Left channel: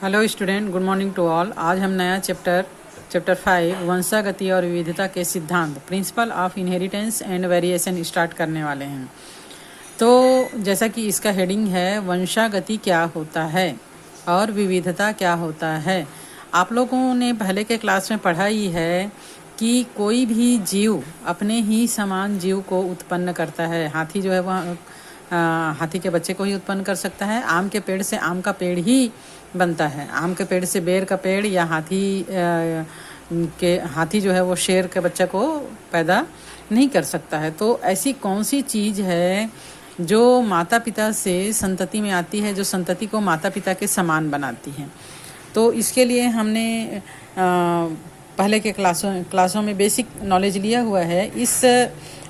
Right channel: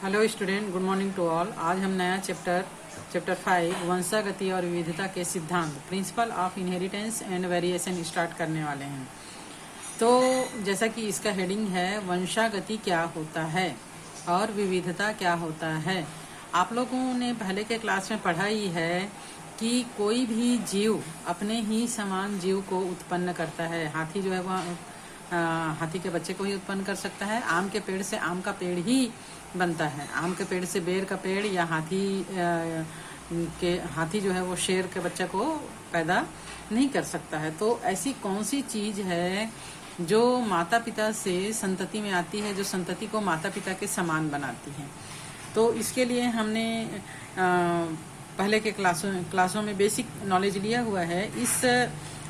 Hello student, good morning to all. आज हम नया चैप्टर 5 वंशागति और विविधता के सिद्धांत principle of inheritance and variation start करने वाले हैं। तो जैसा कि इसका हेडिंग है वंशागति क्या होता है और विविधता क्या होता है। आप लोगों ने पहले के क्लास में पढ़ा ही है कि कोई भी जीव अपने ही समान जीव को उत्पन्न करता है। हाथी जो है वह हाथी के बच्चे को ही उत्पन्न कर सकता है। आम के पेड़ से आम का पेड़ ही बनता है। आम के पेड़ से बेर का पेड़ या हाथी जो है वो शेर के बच्चे को पैदा नहीं कर सकता है। तो ऐसी कौन सी चीज़ है जो माता पिता से संतति में आती है, जो संतति को माता पिता के समान बनाती है। तो इसके लिए हमने पहले के क्लासों में बेसिक नॉलेज लिया हुआ है। इस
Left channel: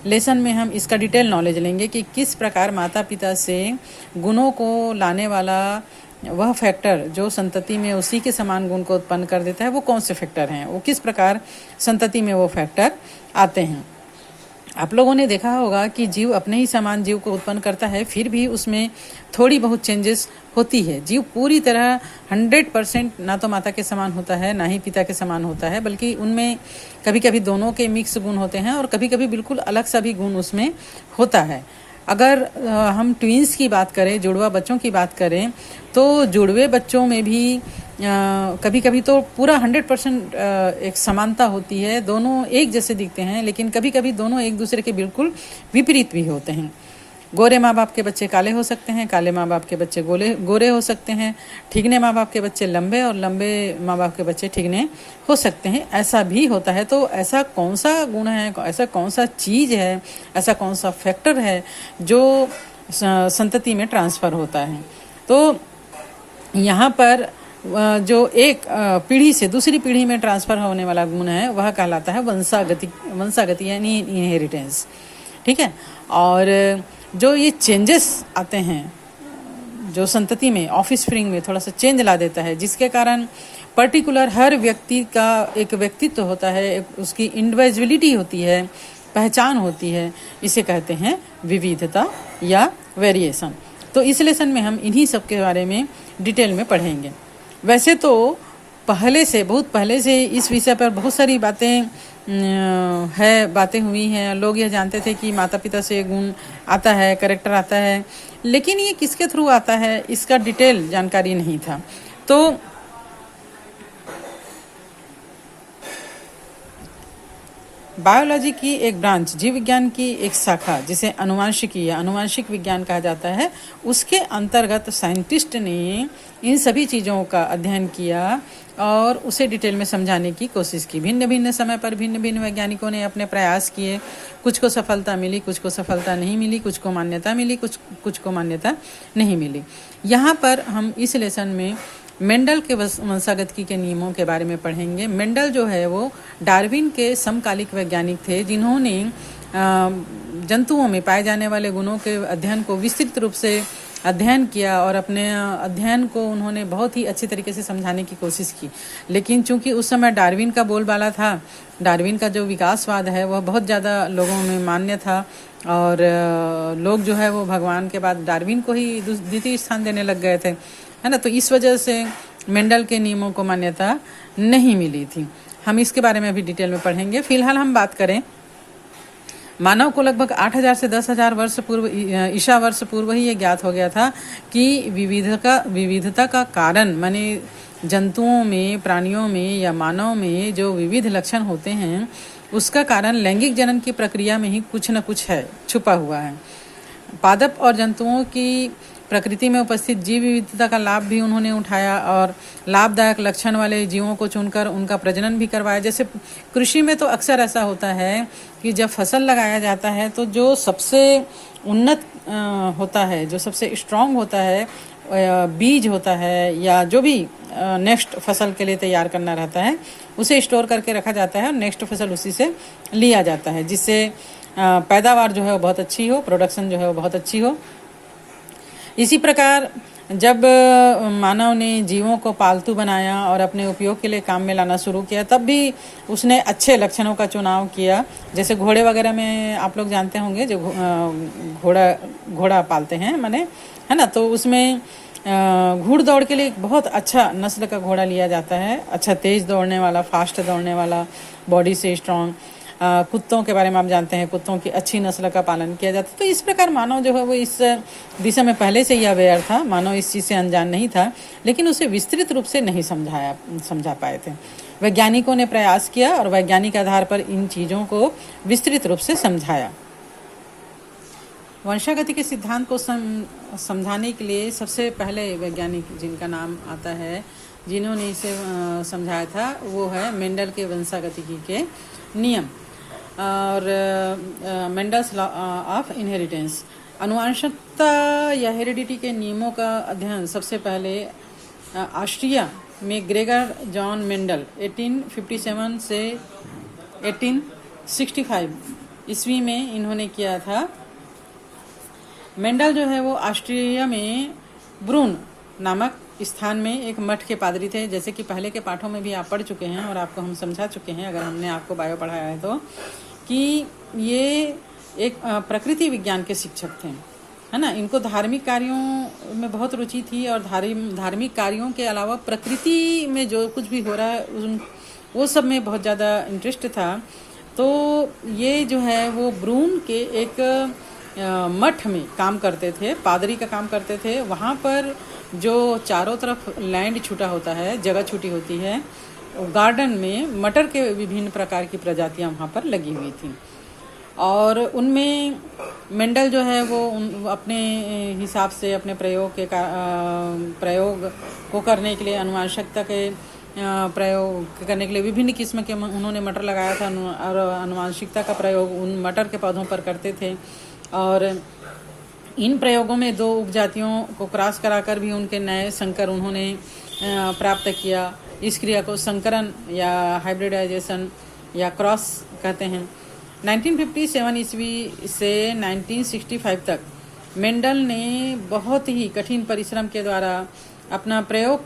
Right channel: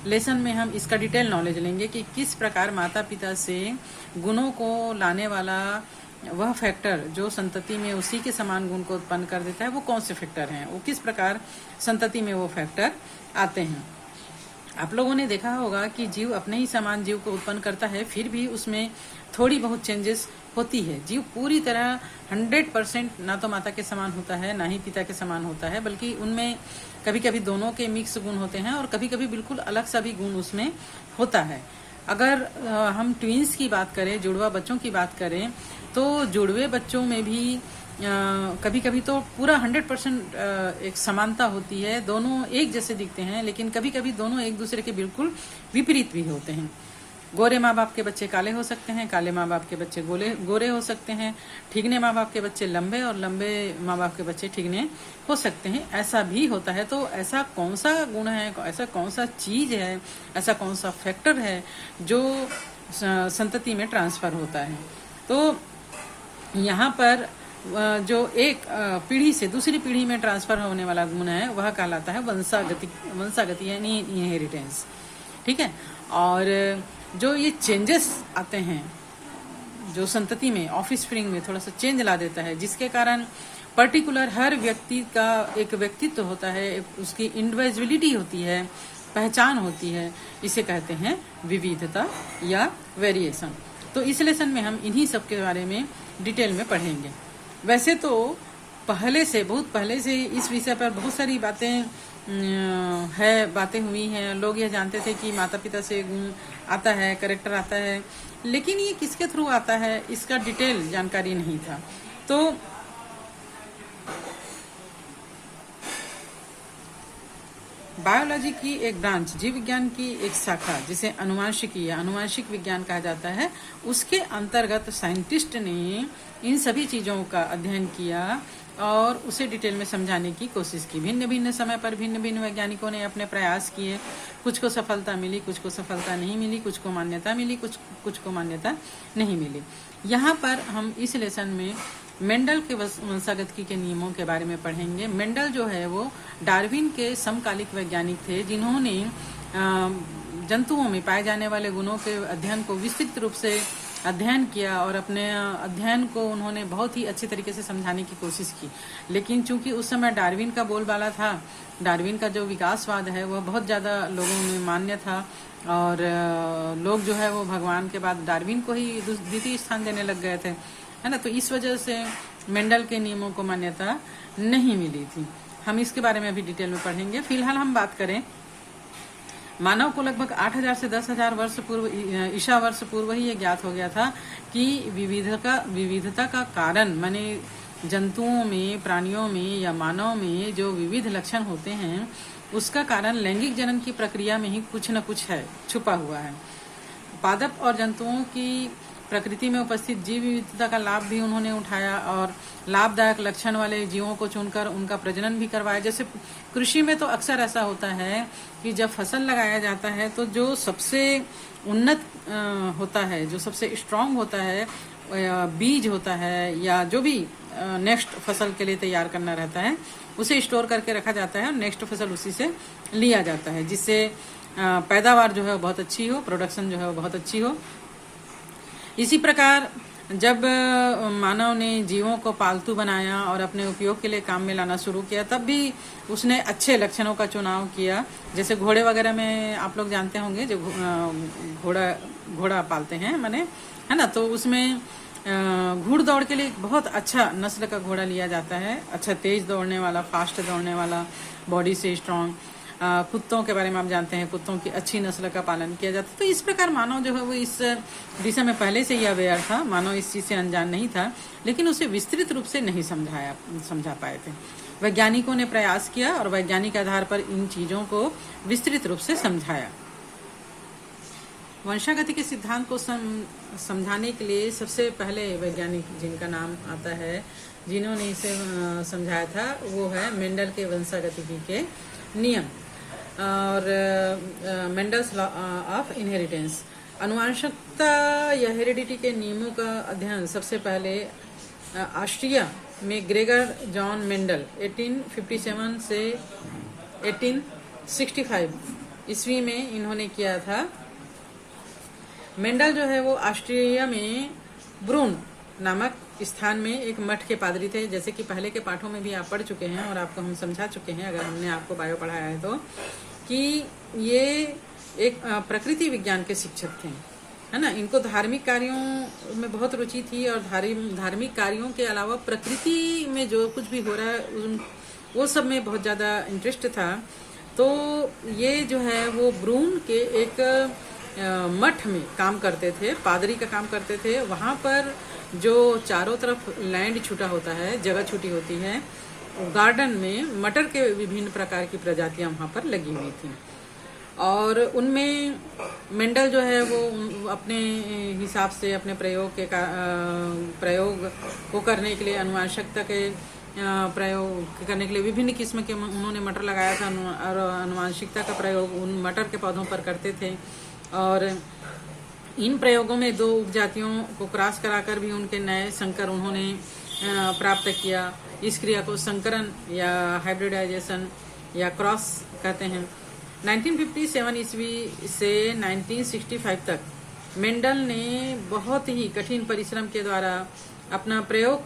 लेसन में हम इसका डिटेल नॉलेज लेंगे कि किस प्रकार माता पिता से गुणों को लाने वाला वह फैक्टर जो संतति में उसी के समान गुण को उत्पन्न कर देता है, वो कौन से फैक्टर हैं, वो किस प्रकार संतति में वो फैक्टर आते हैं। आप लोगों ने देखा होगा कि जीव अपने ही समान जीव को उत्पन्न करता है, फिर भी उसमें थोड़ी बहुत चेंजेस होती है। जीव पूरी तरह 100% ना तो माता के समान होता है ना ही पिता के समान होता है, बल्कि उनमें कभी कभी दोनों के मिक्स गुण होते हैं और कभी कभी बिल्कुल अलग सा भी गुण उसमें होता है। अगर हम ट्विंस की बात करें, जुड़वा बच्चों की बात करें, तो जुड़वे बच्चों में भी कभी कभी तो पूरा 100% एक समानता होती है। दोनों एक जैसे दिखते हैं, लेकिन कभी कभी दोनों एक दूसरे के बिल्कुल विपरीत भी होते हैं। गोरे माँ बाप के बच्चे काले हो सकते हैं, काले माँ बाप के बच्चे गोरे हो सकते हैं। ठिगने माँ बाप के बच्चे लंबे और लंबे माँ बाप के बच्चे ठिगने हो सकते हैं। ऐसा भी होता है। तो ऐसा कौन सा गुण है, ऐसा कौन सा चीज़ है, ऐसा कौन सा फैक्टर है जो संतति में ट्रांसफ़र होता है। तो यहाँ पर जो एक पीढ़ी से दूसरी पीढ़ी में ट्रांसफ़र होने वाला गुण है वह कहलाता है वंशागति यानी इनहेरिटेंस। ठीक है। और जो ये चेंजेस आते हैं जो संतति में ऑफस्प्रिंग में थोड़ा सा चेंज ला देता है, जिसके कारण पर्टिकुलर हर व्यक्ति का एक व्यक्तित्व होता है, एक उसकी इंडिविजुअलिटी होती है, पहचान होती है, इसे कहते हैं विविधता या वेरिएशन। तो इस लेसन में हम इन्हीं सब के बारे में डिटेल में पढ़ेंगे। वैसे तो बहुत पहले से इस विषय पर बहुत सारी बातें हुई हैं। लोग यह जानते थे कि माता पिता से गुण आता है, कैरेक्टर आता है, लेकिन ये किसके थ्रू आता है इसका डिटेल जानकारी नहीं था। तो बायोलॉजी की एक ब्रांच, जीव विज्ञान की एक शाखा जिसे अनुवांशिकी या अनुवांशिक विज्ञान कहा जाता है, उसके अंतर्गत साइंटिस्ट ने इन सभी चीज़ों का अध्ययन किया और उसे डिटेल में समझाने की कोशिश की। भिन्न भिन्न समय पर भिन्न भिन्न वैज्ञानिकों ने अपने प्रयास किए। कुछ को सफलता मिली, कुछ को सफलता नहीं मिली, कुछ को मान्यता मिली, कुछ को मान्यता नहीं मिली। यहाँ पर हम इस लेसन में मेंडल के वंशागति के नियमों के बारे में पढ़ेंगे। मेंडल जो है वो डार्विन के समकालिक वैज्ञानिक थे, जिन्होंने जंतुओं में पाए जाने वाले गुणों के अध्ययन को विस्तृत रूप से अध्ययन किया और अपने अध्ययन को उन्होंने बहुत ही अच्छी तरीके से समझाने की कोशिश की। लेकिन चूंकि उस समय डार्विन का बोलबाला था, डार्विन का जो विकासवाद है वह बहुत ज़्यादा लोगों में मान्य था और लोग जो है वो भगवान के बाद डार्विन को ही द्वितीय स्थान देने लग गए थे, है ना। तो इस वजह से मेंडल के नियमों को मान्यता नहीं मिली थी। हम इसके बारे में अभी डिटेल में पढ़ेंगे। फिलहाल हम बात करें, मानव को लगभग 8000 से 10,000 वर्ष पूर्व, ईसा वर्ष पूर्व ही ये ज्ञात हो गया था कि विविधता का कारण माने जंतुओं में, प्राणियों में या मानव में जो विविध लक्षण होते हैं उसका कारण लैंगिक जनन की प्रक्रिया में ही कुछ न कुछ है, छुपा हुआ है। पादप और जंतुओं की प्रकृति में उपस्थित जीव विविधता का लाभ भी उन्होंने उठाया और लाभदायक लक्षण वाले जीवों को चुनकर उनका प्रजनन भी करवाया। जैसे कृषि में तो अक्सर ऐसा होता है कि जब फसल लगाया जाता है तो जो सबसे उन्नत होता है, जो सबसे स्ट्रांग होता है, बीज होता है या जो भी नेक्स्ट फसल के लिए तैयार करना रहता है, उसे स्टोर करके रखा जाता है और नेक्स्ट फसल उसी से लिया जाता है, जिससे पैदावार जो है वो बहुत अच्छी हो, प्रोडक्शन जो है वो बहुत अच्छी हो। इसी प्रकार जब मानव ने जीवों को पालतू बनाया और अपने उपयोग के लिए काम में लाना शुरू किया, तब भी उसने अच्छे लक्षणों का चुनाव किया। जैसे घोड़े वगैरह में आप लोग जानते होंगे, जो घोड़ा पालते हैं माने, है ना, तो उसमें घुड़दौड़ के लिए एक बहुत अच्छा नस्ल का घोड़ा लिया जाता है, अच्छा तेज दौड़ने वाला, फास्ट दौड़ने वाला, बॉडी से स्ट्रांग। कुत्तों के बारे में आप जानते हैं, कुत्तों की अच्छी नस्ल का पालन किया जाता है। तो इस प्रकार मानव जो है वो इस दिशा में पहले से ही अवेयर था, मानव इस चीज़ से अनजान नहीं था, लेकिन उसे विस्तृत रूप से नहीं समझा पाए थे। वैज्ञानिकों ने प्रयास किया और वैज्ञानिक आधार पर इन चीज़ों को विस्तृत रूप से समझाया। वंशागति के सिद्धांत को समझाने के लिए सबसे पहले वैज्ञानिक जिनका नाम आता है, जिन्होंने इसे समझाया था, वो है मेंडल के वंशागतिकी के नियम और मेंडल्स लॉ ऑफ इनहेरिटेंस। आनुवंशिकता या हेरिडिटी के नियमों का अध्ययन सबसे पहले ऑस्ट्रिया में ग्रेगर जॉन मेंडल 1857 से 1865 ईस्वी में इन्होंने किया था। मेंडल जो है वो ऑस्ट्रिया में ब्रून नामक स्थान में एक मठ के पादरी थे। जैसे कि पहले के पाठों में भी आप पढ़ चुके हैं और आपको हम समझा चुके हैं, अगर हमने आपको बायो पढ़ाया है तो, कि ये एक प्रकृति विज्ञान के शिक्षक थे, है ना। इनको धार्मिक कार्यों में बहुत रुचि थी और धार्मिक कार्यों के अलावा प्रकृति में जो कुछ भी हो रहा है वो सब में बहुत ज़्यादा इंटरेस्ट था। तो ये जो है वो ब्रून के एक मठ में काम करते थे, पादरी का काम करते थे। वहाँ पर जो चारों तरफ लैंड छूटा होता है, जगह छूटी होती है, गार्डन में मटर के विभिन्न प्रकार की प्रजातियां वहाँ पर लगी हुई थी और उनमें मेंडल जो है वो अपने हिसाब से अपने प्रयोग को करने के लिए, अनुवांशिकता के प्रयोग करने के लिए विभिन्न किस्म के उन्होंने मटर लगाया था और अनुवांशिकता का प्रयोग उन मटर के पौधों पर करते थे। और इन प्रयोगों में 2 उपजातियों को क्रॉस कराकर भी उनके नए संकर उन्होंने प्राप्त किया। इस क्रिया को संकरण या हाइब्रिडाइजेशन या क्रॉस कहते हैं। 1957 ईस्वी से 1965 तक मेंडल ने बहुत ही कठिन परिश्रम के द्वारा अपना प्रयोग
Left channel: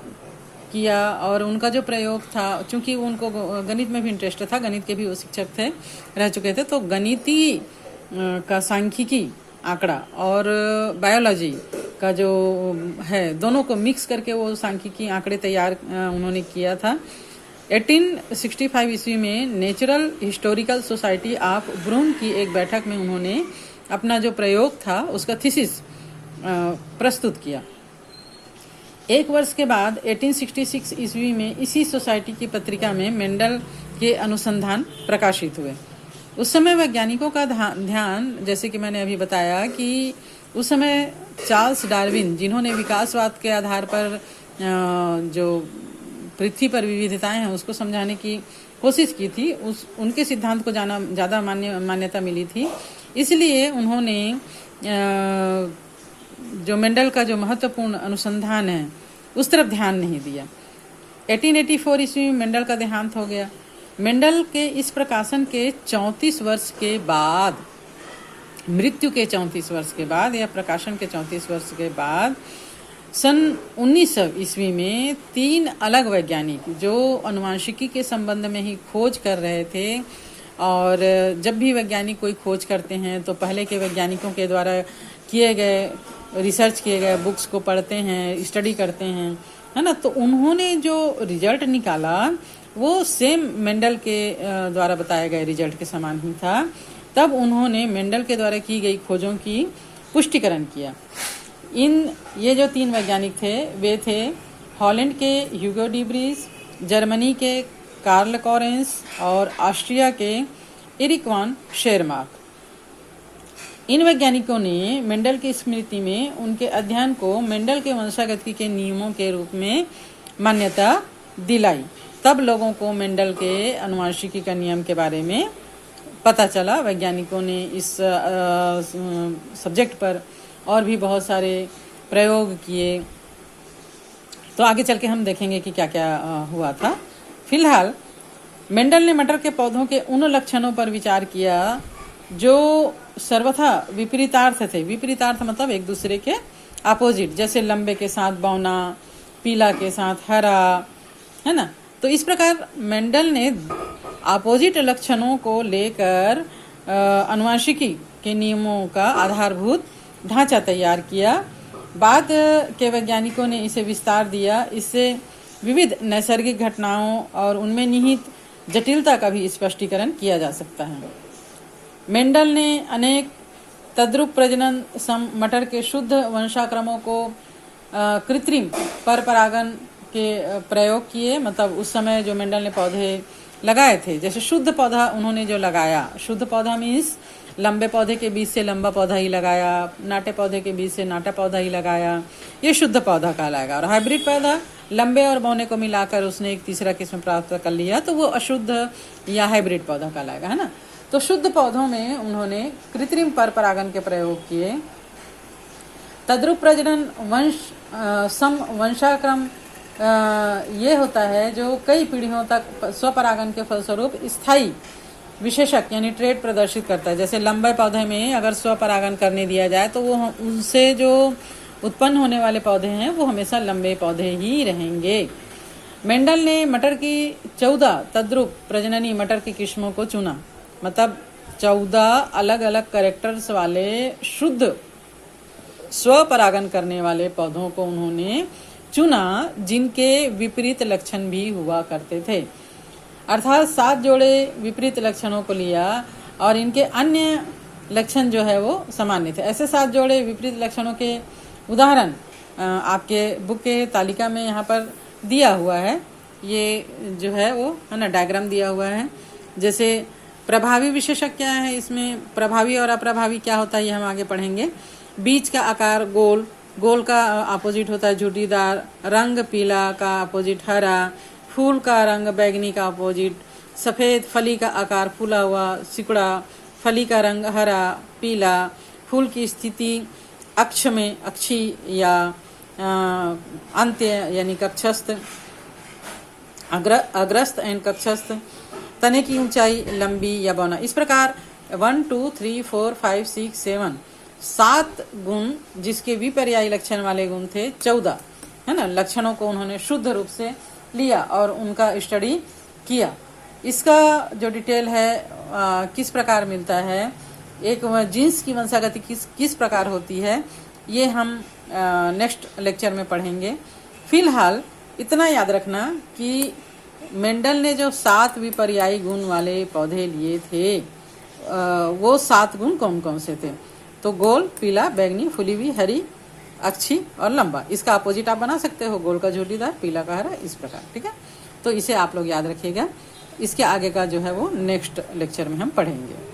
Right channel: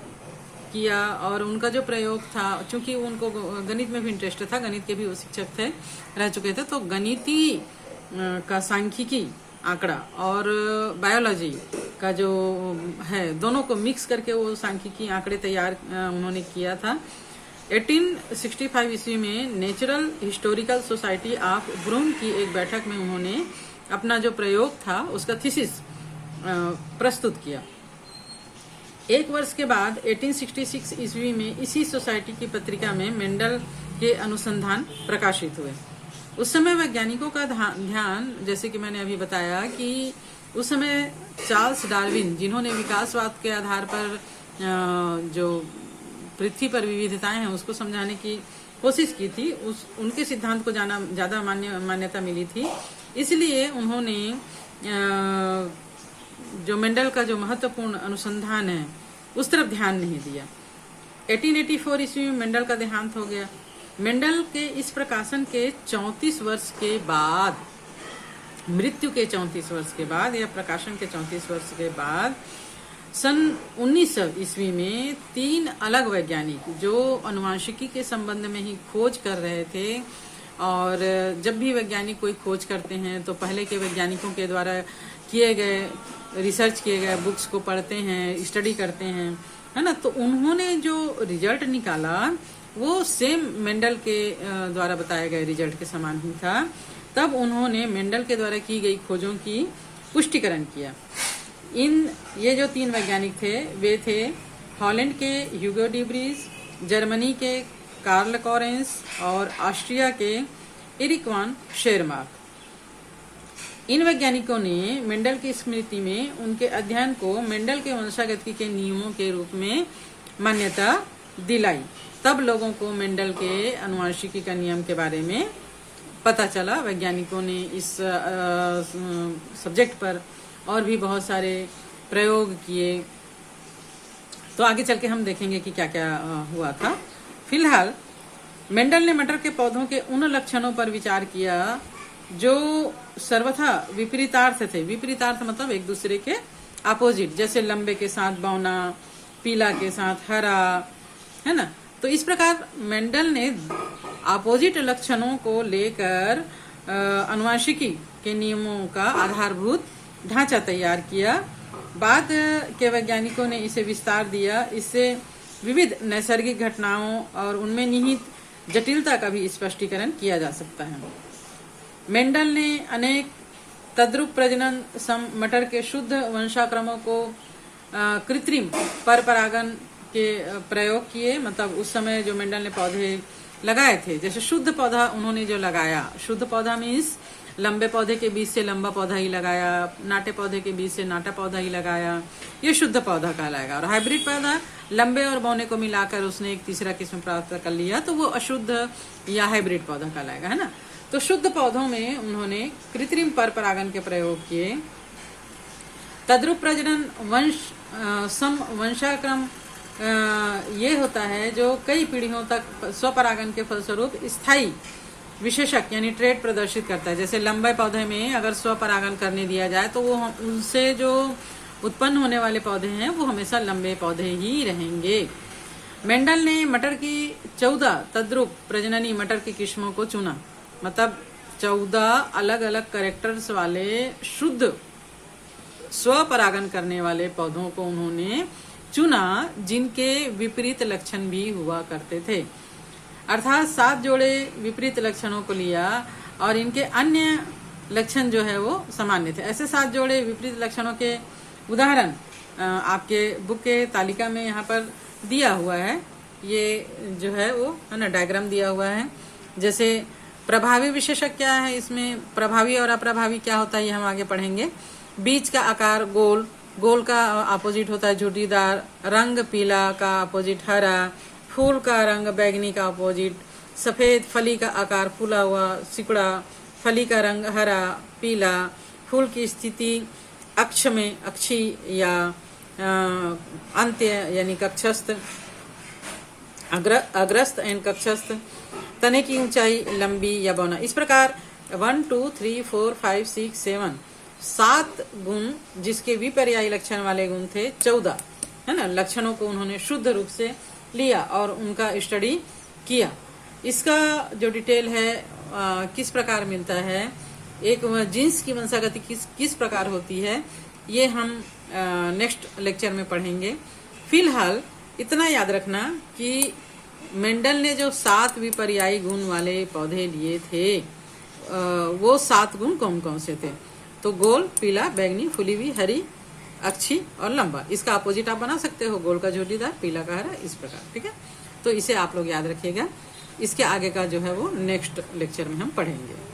किया और उनका जो प्रयोग था, चूंकि उनको गणित में भी इंटरेस्ट था, गणित के भी वो शिक्षक थे, रह चुके थे, तो गणितीय का सांख्यिकी आंकड़ा और बायोलॉजी का जो है, दोनों को मिक्स करके वो सांख्यिकी आंकड़े तैयार उन्होंने किया था। 1865 ईस्वी में नेचुरल हिस्टोरिकल सोसाइटी ऑफ ब्रून की एक बैठक में उन्होंने अपना जो प्रयोग था उसका थीसिस प्रस्तुत किया। 1 वर्ष के बाद 1866 ईस्वी में इसी सोसाइटी की पत्रिका में मेंडल के अनुसंधान प्रकाशित हुए। उस समय वैज्ञानिकों का ध्यान, जैसे कि मैंने अभी बताया कि उस समय चार्ल्स डार्विन, जिन्होंने विकासवाद के आधार पर जो पृथ्वी पर विविधताएं हैं उसको समझाने की कोशिश की थी, उनके सिद्धांत को ज़्यादा मान्यता मिली थी। इसलिए उन्होंने जो मेंडल का जो महत्वपूर्ण अनुसंधान है उस तरफ ध्यान नहीं दिया। 1884 ईस्वी में मेंडल का देहांत हो गया। मेंडल के इस प्रकाशन के 34 वर्ष के बाद, मृत्यु के 34 वर्ष के बाद या प्रकाशन के 34 वर्ष के बाद, सन 1900 ईस्वी में 3 अलग वैज्ञानिक जो अनुवांशिकी के संबंध में ही खोज कर रहे थे, और जब भी वैज्ञानिक कोई खोज करते हैं तो पहले के वैज्ञानिकों के द्वारा किए गए रिसर्च किए गए बुक्स को पढ़ते हैं, स्टडी करते हैं, है ना। तो उन्होंने जो रिजल्ट निकाला वो सेम मेंडल के द्वारा बताए गए रिजल्ट के समान ही था। तब उन्होंने मेंडल के द्वारा की गई खोजों की पुष्टिकरण किया। ये जो 3 वैज्ञानिक थे वे थे हॉलैंड के ह्यूगो डी ब्रीज, जर्मनी के कार्ल कॉरेंस और ऑस्ट्रिया के एरिक वान शेरमार्क। इन वैज्ञानिकों ने मेंडल की स्मृति में उनके अध्ययन को मेंडल के वंशागति के नियमों के रूप में मान्यता दिलाई। तब लोगों को मेंडल के अनुवांशिकी का नियम के बारे में पता चला। वैज्ञानिकों ने इस सब्जेक्ट पर और भी बहुत सारे प्रयोग किए। तो आगे चल के हम देखेंगे कि क्या क्या हुआ था। फिलहाल मेंडल ने मटर के पौधों के उन लक्षणों पर विचार किया जो सर्वथा विपरीतार्थ थे। विपरीतार्थ मतलब एक दूसरे के अपोजिट, जैसे लंबे के साथ बौना, पीला के साथ हरा, है ना। तो इस प्रकार मेंडल ने अपोजिट लक्षणों को लेकर अनुवांशिकी के नियमों का आधारभूत ढांचा तैयार किया बाद के वैज्ञानिकों ने इसे विस्तार दिया। इससे विविध नैसर्गिक घटनाओं और उनमें निहित जटिलता का भी स्पष्टीकरण किया जा सकता है। मेंडल ने अनेक तद्रुप प्रजनन मटर के शुद्ध वंशाक्रमों को कृत्रिम परपरागन के प्रयोग किए। मतलब उस समय जो मेंडल ने पौधे लगाए थे, जैसे शुद्ध पौधा उन्होंने जो लगाया, शुद्ध पौधा मीन्स लंबे पौधे के बीच से लंबा पौधा ही लगाया, नाटे पौधे के बीच से नाटा पौधा ही लगाया, ये शुद्ध पौधा कहलाएगा। और हाइब्रिड पौधा लंबे और बौने को मिलाकर उसने एक तीसरा किस्म प्राप्त कर लिया, तो वो अशुद्ध या हाइब्रिड पौधा कहलाएगा, है ना। तो शुद्ध पौधों में उन्होंने कृत्रिम परपरागन के प्रयोग किए। तद्रुप प्रजनन वंशाक्रम ये होता है जो कई पीढ़ियों तक स्वपरागन के फलस्वरूप स्थायी विशेषक यानी ट्रेड प्रदर्शित करता है। जैसे लंबे पौधे में अगर स्वपरागन करने दिया जाए तो वो उनसे जो उत्पन्न होने वाले पौधे हैं वो हमेशा लंबे पौधे ही रहेंगे। मेंडल ने मटर की 14 तद्रुप प्रजननी मटर की किस्मों को चुना। मतलब 14 अलग अलग कैरेक्टर्स वाले शुद्ध स्वपरागन करने वाले पौधों को उन्होंने चुना, जिनके विपरीत लक्षण भी हुआ करते थे। अर्थात 7 जोड़े विपरीत लक्षणों को लिया और इनके अन्य लक्षण जो है वो सामान्य थे। ऐसे 7 जोड़े विपरीत लक्षणों के उदाहरण आपके बुक के तालिका में यहाँ पर दिया हुआ है। ये जो है वो है ना, डायग्राम दिया हुआ है। जैसे प्रभावी विशेषक क्या है, इसमें प्रभावी और अप्रभावी क्या होता है ये हम आगे पढ़ेंगे। बीज का आकार गोल, गोल का अपोजिट होता है झुर्रीदार, रंग पीला का अपोजिट हरा, फूल का रंग बैगनी का अपोजिट सफेद, फली का आकार फूला हुआ सिकुड़ा, फली का रंग हरा पीला, फूल की स्थिति अक्ष में अक्षी या अंत्य यानी कक्षस्थ, अग्रस्त एंड कक्षस्थ, तने की ऊंचाई लंबी या बौना। इस प्रकार 1 2 3 4 5 6 7 7 गुण जिसके विपर्यायी लक्षण वाले गुण थे 14, है ना, लक्षणों को उन्होंने शुद्ध रूप से लिया और उनका स्टडी किया। इसका जो डिटेल है किस प्रकार मिलता है, एक जीन्स की वंशागति किस प्रकार होती है, ये हम नेक्स्ट लेक्चर में पढ़ेंगे। फिलहाल इतना याद रखना कि मेंडल ने जो 7 विपर्यायी गुण वाले पौधे लिए थे वो 7 गुण कौन कौन से थे। तो गोल, पीला, बैंगनी, फुली हुई, हरी, अच्छी और लंबा। इसका अपोजिट आप बना सकते हो, गोल का झुर्रीदार, पीला का हरा, इस प्रकार। ठीक है, तो इसे आप लोग याद रखिएगा। इसके आगे का जो है वो नेक्स्ट लेक्चर में हम पढ़ेंगे।